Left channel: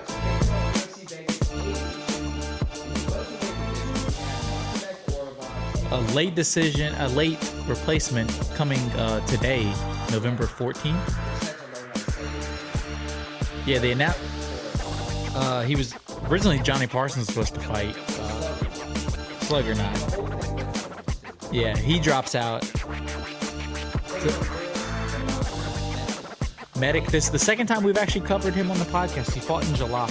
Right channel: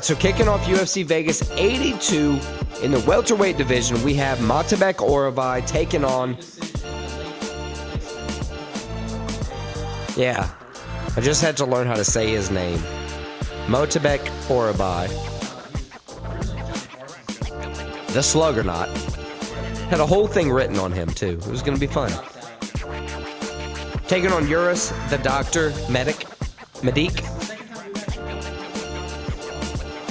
So kicking off UFC Vegas 82 in the welterweight division, we have Myktybek Orolbai taking on... A late replacement coming today, November 14th. I just had to learn how to say his name. Myktybek Orolbai. He was originally Johnny Parsons supposed to fight. The Sluggernaut. Had a whole thing written on him, too. It was going to be fun. He drops out. Taking on Uros, the doctor, medic. This is the second time we've actually covered him on the podcast. He fought in July.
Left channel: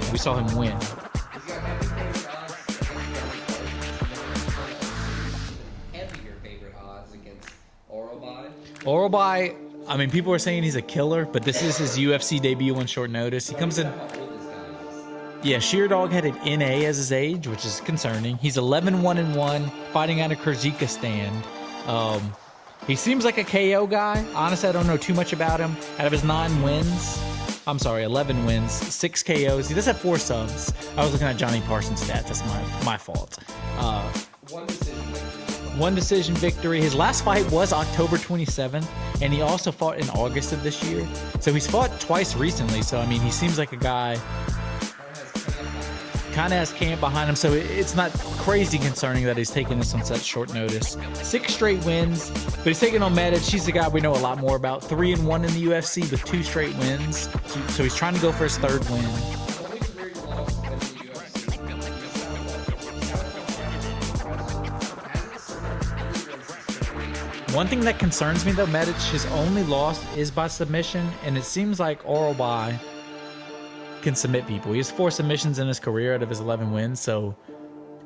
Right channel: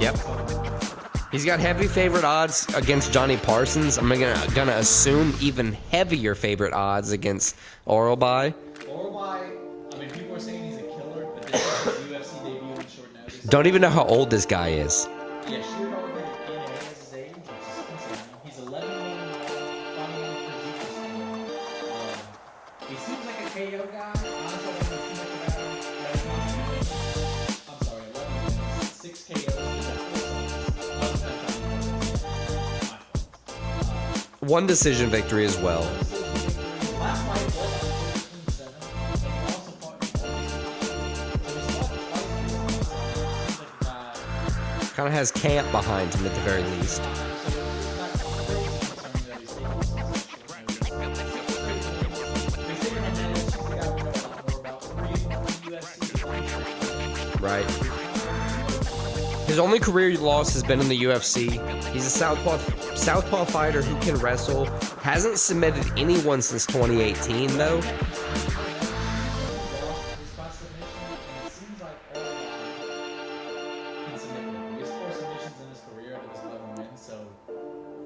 Yep. We saw him win. He's got heavy favorite odds against Johnny Parsons. I'm gonna assume even heavier favorite odds against Orolbai. Orolbai, I mean, people are saying he's a killer, but this is his UFC debut on short notice. Don't even know how old this guy is. Yeah, Sheerdog had an NA as his age, which is concerning. He's 11-1-1, fighting out of Kyrgyzstan. He seems like a KO guy. Honestly, I don't know too much about him. Out of his 11 wins, 6 KOs. He does have 4 subs. I was looking at Johnny Parsons' stats. That's my fault. One decision victory as well. One decision victory. His last fight was October 27th, and he also fought in August of this year. So he's fought twice recently. So, I mean, he seems like a guy... Kind of has camp behind him. So it's not crazy concerning that he's taking this on such short notice. 6 straight wins, but he's taking on Medic. She's the guy we know a lot more about. 3-1 in the UFC with 2 straight wins. Right. So he's trying to go for his 3rd win. His only career loss has been in the UFC. He's a southpaw fighter who can wrestle. Hasn't submitted anyone since 2018. One thing that concerns me though, Medic, his only loss is by submission, and it seems like Orolbai can submit people. He has 4 submissions in his career out of his 11 wins, so...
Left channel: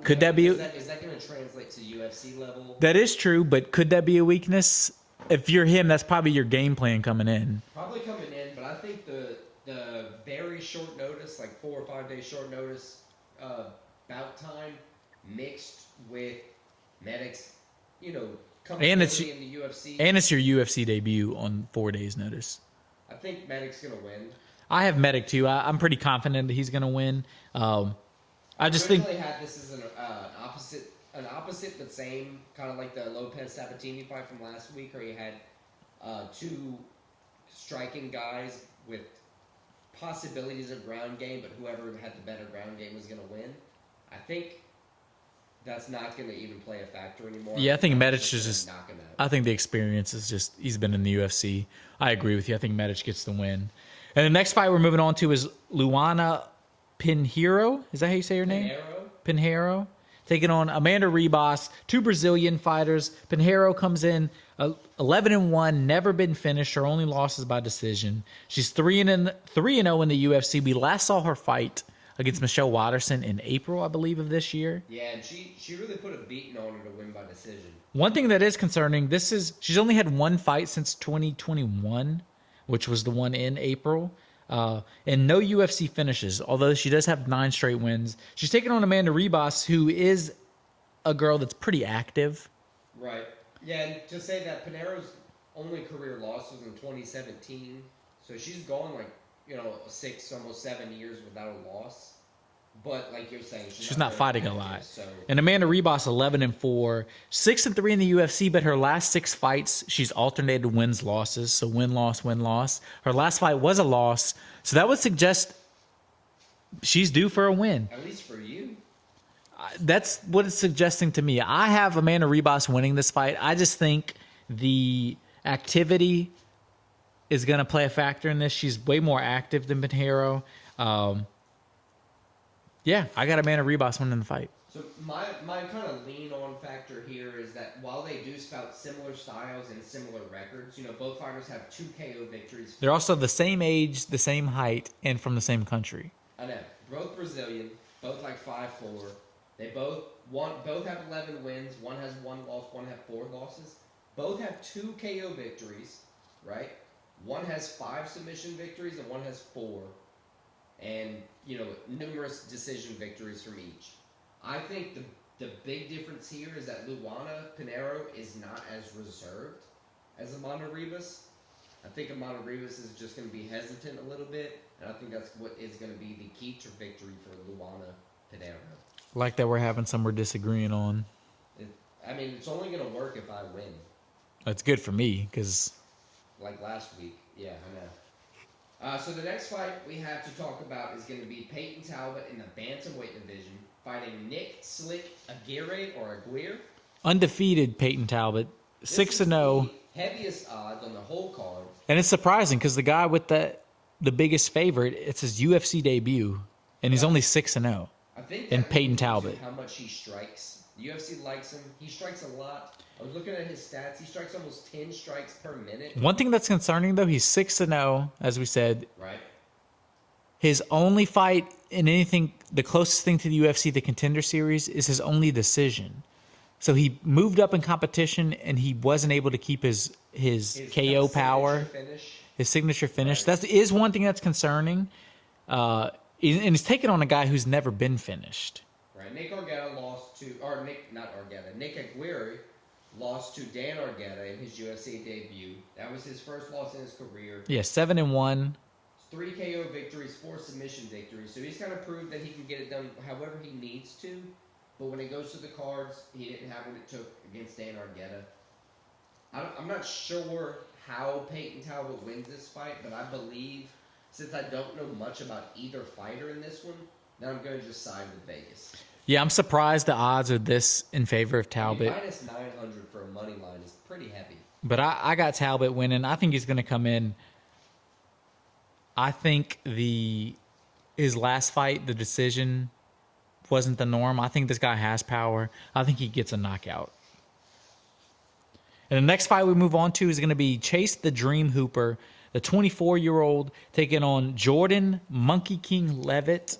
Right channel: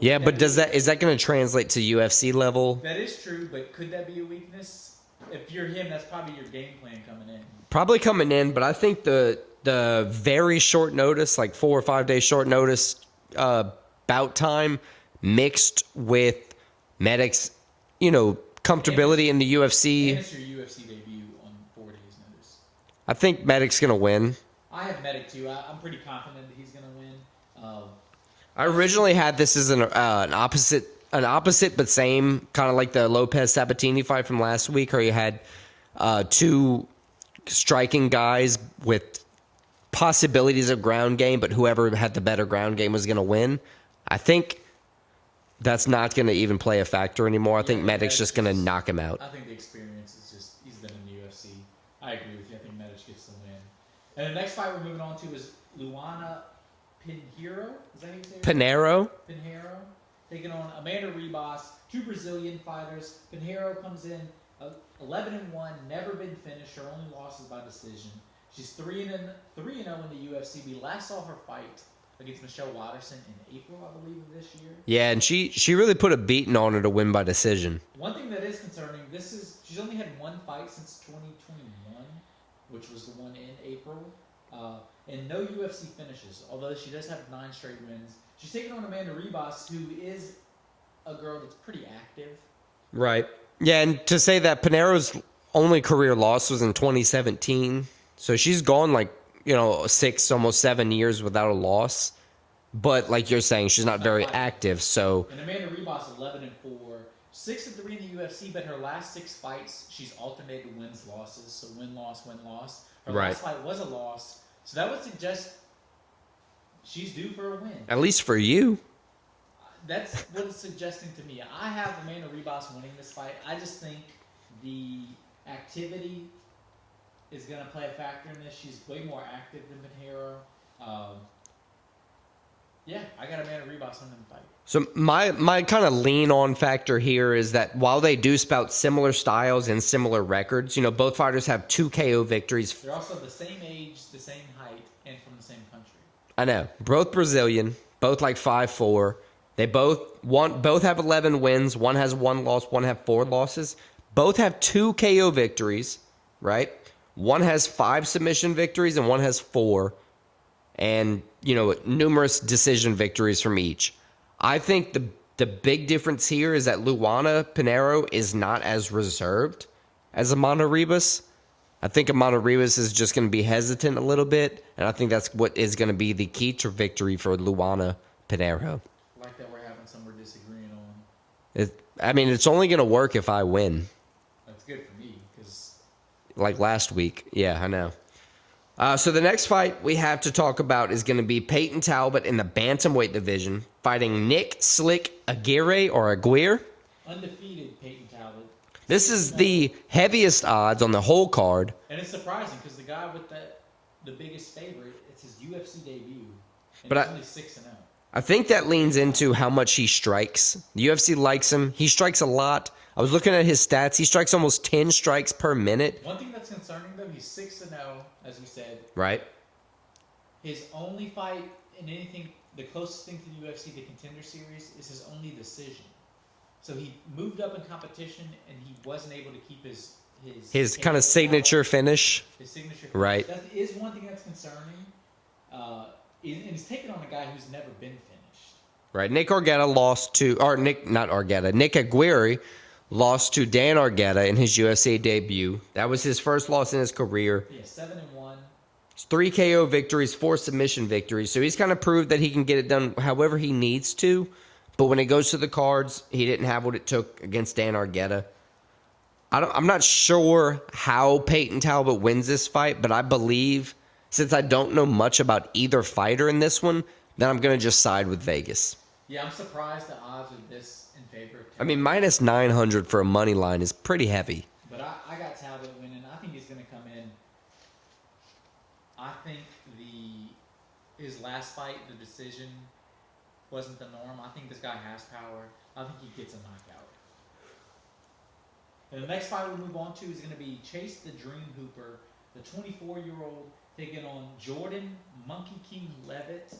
Yeah, but is that going to translate to UFC level? That is true, but could that be a weakness? If you're him, that's probably your game plan coming in. Probably coming in, but I think the very short notice, like 4 or 5 days short notice bout time, mixed with Medic's, comfortability in the UFC. And it's your UFC debut on 4 days notice. I think Medic's going to win. I have Medic too. I'm pretty confident that he's going to win. I originally had this as an opposite but same, kind of like the Lopez Sabatini fight from last week, where you had 2 striking guys with possibilities of ground game, but whoever had the better ground game was going to win. I think that's not going to even play a factor anymore. I think Medic's just going to knock him out. I think the experience is just, he's been in the UFC. I agree with you. I think Medic gets the win. And the next fight we're moving on to is Luana Pinheiro. Is that how you say her name? Pinheiro. Taking on Amanda Ribas, 2 Brazilian fighters. Pinheiro comes in 11-1, never been finished. Her only loss is by decision. She's 3-0 in the UFC. We last saw her fight against Michelle Watterson in April, I believe, of this year. Yeah, and she really put a beating on her to win by decision. One thing that is concerning, she's only had 1 fight since 2021. Which was the one in April, and no UFC finishes, although she does have 9 straight wins. She's taking on Amanda Ribas, who is a girl that's pretty active. Right. Yeah, and to say that Pinheiro's only career loss was in 2017, so she's gone 6, almost 7 years without a loss. But like you're saying, she's not very active. So, and Amanda Ribas 11-4, 6-3 in the UFC. But her last 6 fights, she's alternated wins losses. So win loss. Her last fight was a loss. So that would suggest she's due for a win. At least for you. That's what it's suggesting to me. I have Amanda Ribas winning this fight. I just think the activity is going to play a factor in this. She's way more active than Pinheiro. Yeah, I got Amanda Ribas winning the fight. So my kind of lean on factor here is that while they do spout similar styles and similar records, both fighters have 2 KO victories. They're also the same age, the same height, and from the same country. I know. Both Brazilian, both 5'4". They both have 11 wins. One has 1 loss, one have 4 losses. Both have 2 KO victories, right? One has 5 submission victories and one has 4. And numerous decision victories from each. I think the big difference here is that Luana Pinheiro is not as reserved as Amanda Ribas. I think Amanda Ribas is just going to be hesitant a little bit, and I think that's what is going to be the key to victory for Luana Pinheiro. Like that we're having some we're disagreeing on. It's only going to work if I win. That's good for me because... Like last week. Yeah, I know. So the next fight we have to talk about is going to be Payton Talbott in the bantamweight division fighting Nick Slick Aguirre. Undefeated Payton Talbott. This is the heaviest odds on the whole card. And it's surprising because the guy with the biggest favorite, it's his UFC debut, and he's only 6-0. I think that leans into how much he strikes. The UFC likes him. He strikes a lot. I was looking at his stats. He strikes almost 10 strikes per minute. One thing that's concerning, though, he's 6-0, as we said. Right. His only fight in anything, the closest thing to the UFC, the Contender Series, is his only decision. So he moved up in competition, and he wasn't able to keep his KO kind of signature power, finish. His signature finish. Right. That is one thing that's concerning. And he's taken on a guy who's never been finished. Right. Nick Aguirre lost to Dan Argueta in his UFC debut. That was his first loss in his career. Yeah, 7-1. 3 KO victories, 4 submission victories. So he's kind of proved that he can get it done however he needs to. But when it goes to the cards, he didn't have what it took against Dan Argueta. I'm not sure how Payton Talbott wins this fight, but I believe, since I don't know much about either fighter in this one, then I'm going to just side with Vegas. Yeah, I'm surprised the odds are this in favor of Talbot. minus 900 for a money line is pretty heavy. But I got Talbot winning. I think he's going to come in. I think his last fight, the decision, wasn't the norm. I think this guy has power. I think he gets a knockout. And the next fight we move on to is going to be Chase the Dream Hooper, the 24-year-old, taking on Jordan Monkey King Leavitt,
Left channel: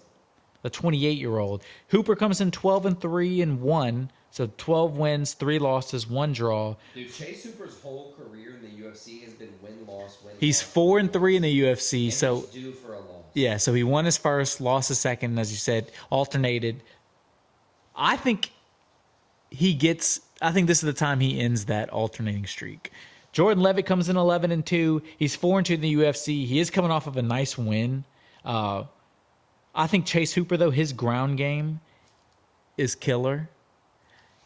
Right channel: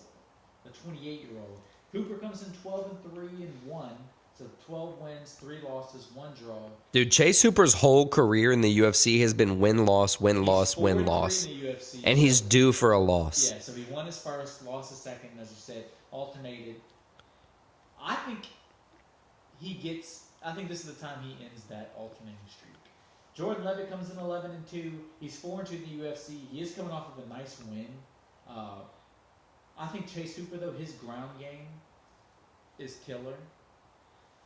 the 28-year-old. Hooper comes in 12-3-1, so 12 wins, 3 losses, 1 draw. Dude, Chase Hooper's whole career in the UFC has been win-loss, win-loss, He's 4-3 in the UFC. And he's due for a loss. Yeah, so he won his first, lost his second, as you said, alternated. I think this is the time he ends that alternating streak. Jordan Leavitt comes in 11-2. He's 4-2 in the UFC. He is coming off of a nice win. I think Chase Hooper, though, his ground game is killer.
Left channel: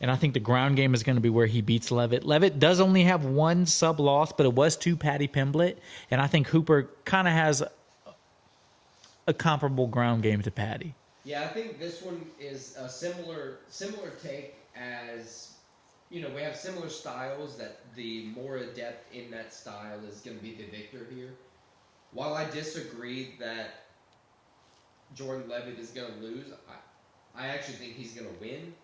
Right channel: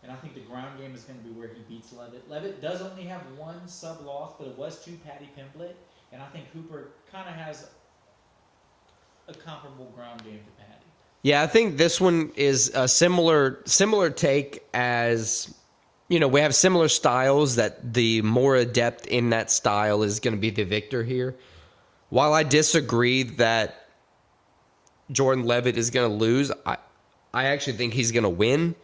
And I think the ground game is going to be where he beats Leavitt. Leavitt does only have 1 sub-loss, but it was to Paddy Pimblett. And I think Hooper kind of has a comparable ground game to Paddy. Yeah, I think this one is a similar take as, we have similar styles that the more adept in that style is going to be the victor here. While I disagree that Jordan Leavitt is going to lose, I actually think he's going to win.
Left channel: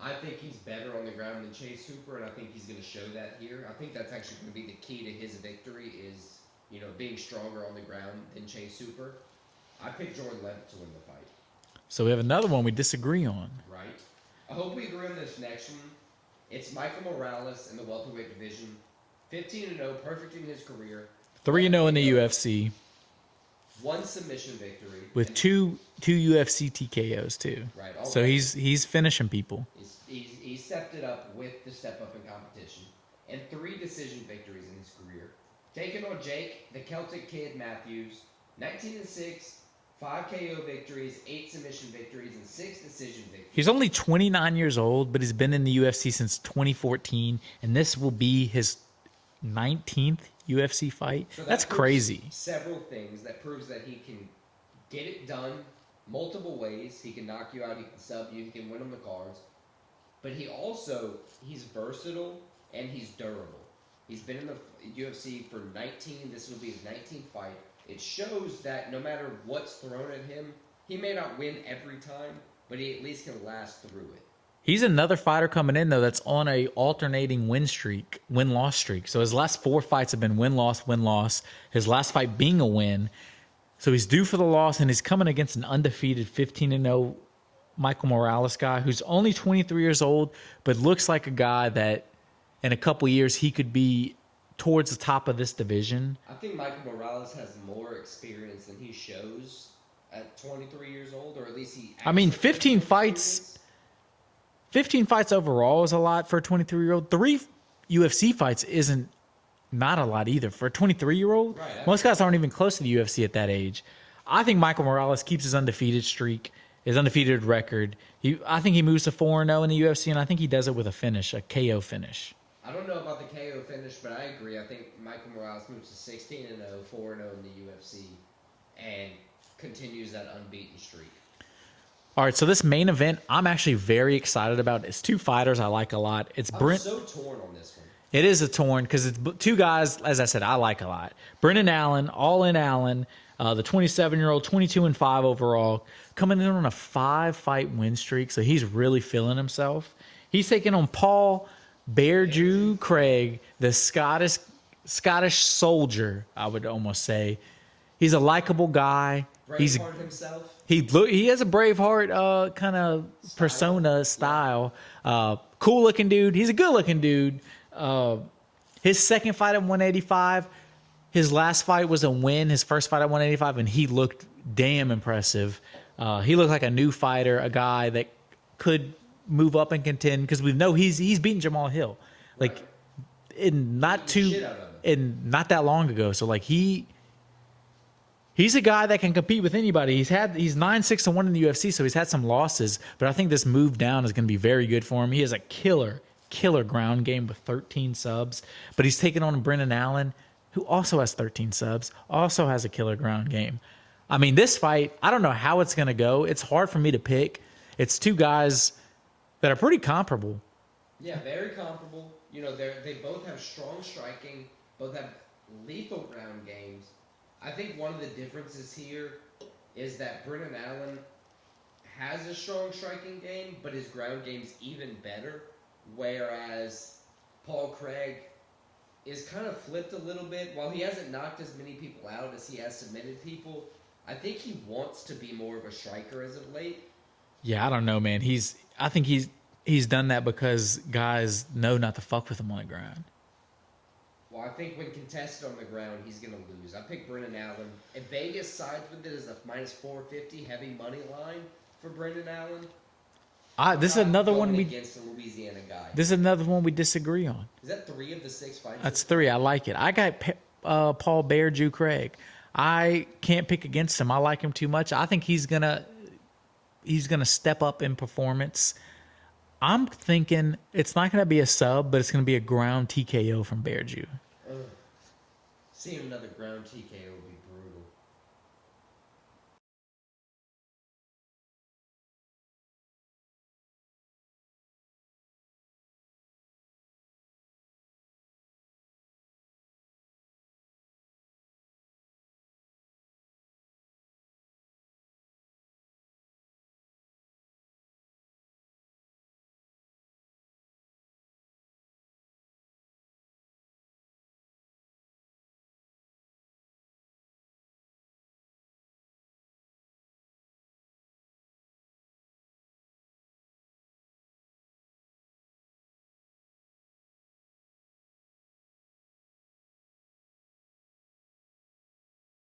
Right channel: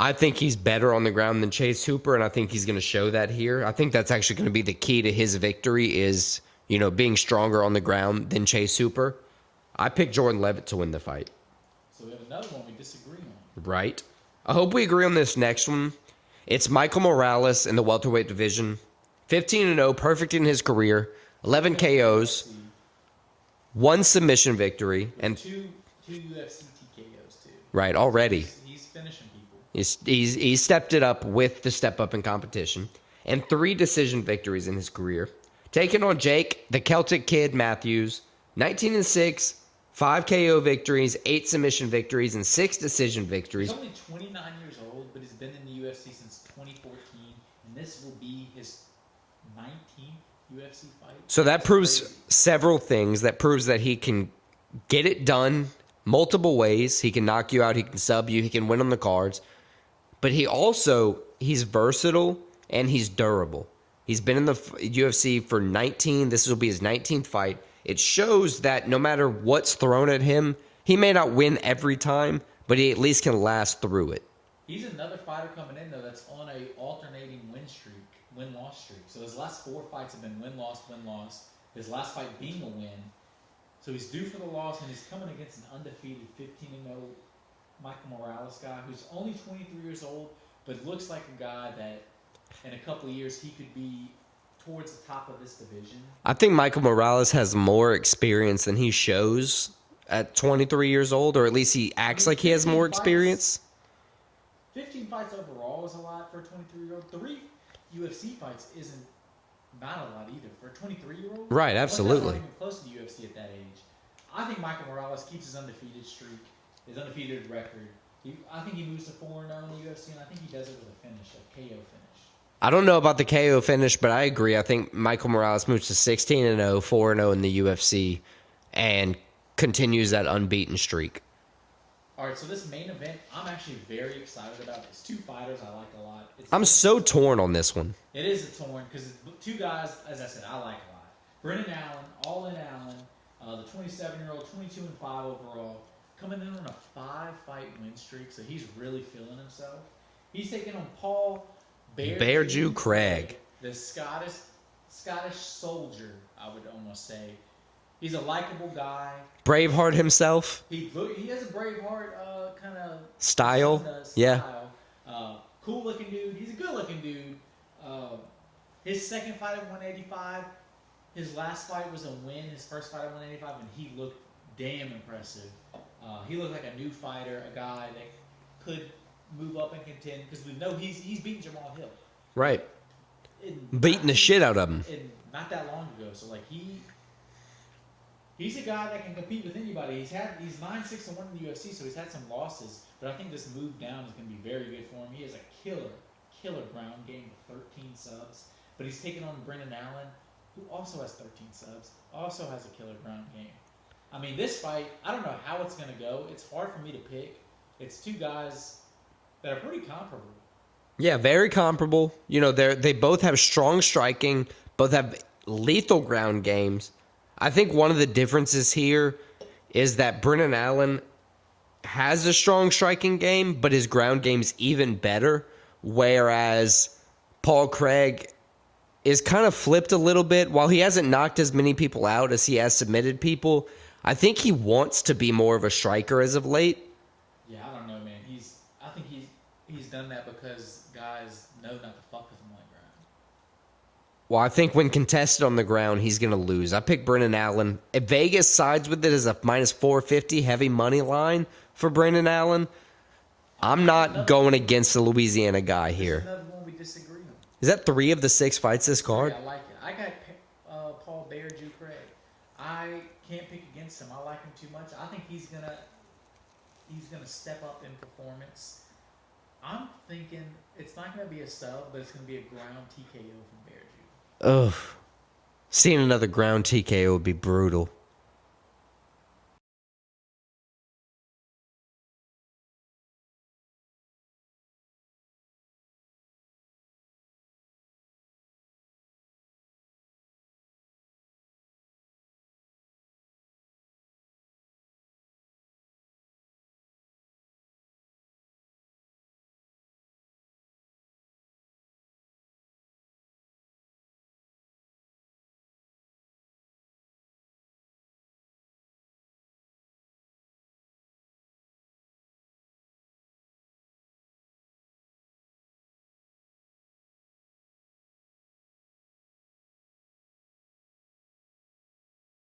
I think he's better on the ground than Chase Hooper, and I think he's going to show that here. I think that's actually going to be the key to his victory is, being stronger on the ground than Chase Hooper. I picked Jordan Leavitt to win the fight. So we have another one we disagree on. Right. I hope we agree on this next one. It's Michael Morales in the welterweight division. 15-0, perfect in his career. 11 KOs. In the UFC. 1 submission victory. With two UFC TKOs too. Right, already. So he's finishing people. He's stepped it up with the step up in competition. And 3 decision victories in his career. Taking on Jake, the Celtic Kid Matthews. 19-6, 5 KO victories, 8 submission victories, and 6 decision victories. He's only 29 years old, but he's been in the UFC since 2014, and this will be his 19th UFC fight. So that's proves crazy. Several things. That proves that he can get it done multiple ways. He can knock you out. He can sub you. He can win on the cards. But he's versatile and he's durable. He's been in the UFC for 19. This will be his 19th fight. It shows that no matter what's thrown at him, he may not win every time, but he at least can last through it. He's another fighter coming in, though, that's on a alternating win-loss streak. So his last 4 fights have been win-loss, win-loss. His last fight being a win. So he's due for the loss, and he's coming against an undefeated 15-0 Michael Morales guy who's only 23 years old, but looks like a guy that in a couple years he could be towards the top of this division. I think Michael Morales has more experience than he shows at 23 years old, or at least he acts like he has more experience. 15 fights overall is a lot for a 23-year-old. 3 UFC fights isn't not a lot either for a 23-year-old. Right, absolutely. Most guys aren't even close to the UFC at that age. I think Michael Morales keeps his undefeated streak, his undefeated record. I think he moves to 4-0 in the UFC, and I think he does it with a finish, a KO finish. I don't know about the KO finish, but I agree. I think Michael Morales moves to 16-0, 4-0 in the UFC, and continues that unbeaten streak. All right, so this main event, I'm actually very excited about. It's two fighters I like a lot. I'm so torn on this one. It is a torn because it's two guys, as I said, I like a lot. Brendan Allen, All-In Allen, the 27-year-old, 22-5 overall, coming in on a 5-fight win streak, so he's really feeling himself. He's taking on Paul Bearju Craig, the Scottish soldier, I would almost say. He's a likable guy. Braveheart himself. He has a Braveheart kind of persona style. Yeah. Cool looking dude. He's a good looking dude. His second fight at 185. His last fight was a win. His first fight at 185, and he looked damn impressive. He looked like a new fighter, a guy that could move up and contend because we know he's beaten Jamal Hill. Right. Beating the shit out of him. And not that long ago. So like he's a guy that can compete with anybody. He's 9-6-1 in the UFC, so he's had some losses, but I think this move down is going to be very good for him. He has a killer ground game with 13 subs, but he's taking on Brendan Allen, who also has 13 subs, also has a killer ground game. I mean, this fight, I don't know how it's going to go. It's hard for me to pick. It's two guys that are pretty comparable. Yeah, very comparable. You know, they both have strong striking, both have lethal ground games. I think one of the differences here is that Brendan Allen has a strong striking game, but his ground game's even better, whereas Paul Craig is kind of flipped a little bit. While he hasn't knocked as many people out as he has submitted people, I think he wants to be more of a striker as of late. Yeah, I don't know, man. I think he's done that because guys know not to fuck with him on the ground. Well, I think when contested on the ground, he's going to lose. I picked Brendan Allen. If Vegas sides with it as a minus 450 heavy money line for Brendan Allen, I'm not going against the Louisiana guy here. This is another one we disagree on. Is that 3 of the 6 fights this card? 3. I like it. I got Paul Bearju Craig. I can't pick against him. I like him too much. I think he's gonna step up in performance. I'm thinking it's not going to be a sub, but it's going to be a ground TKO from Bearju. Ugh. Seeing another ground TKO would be brutal.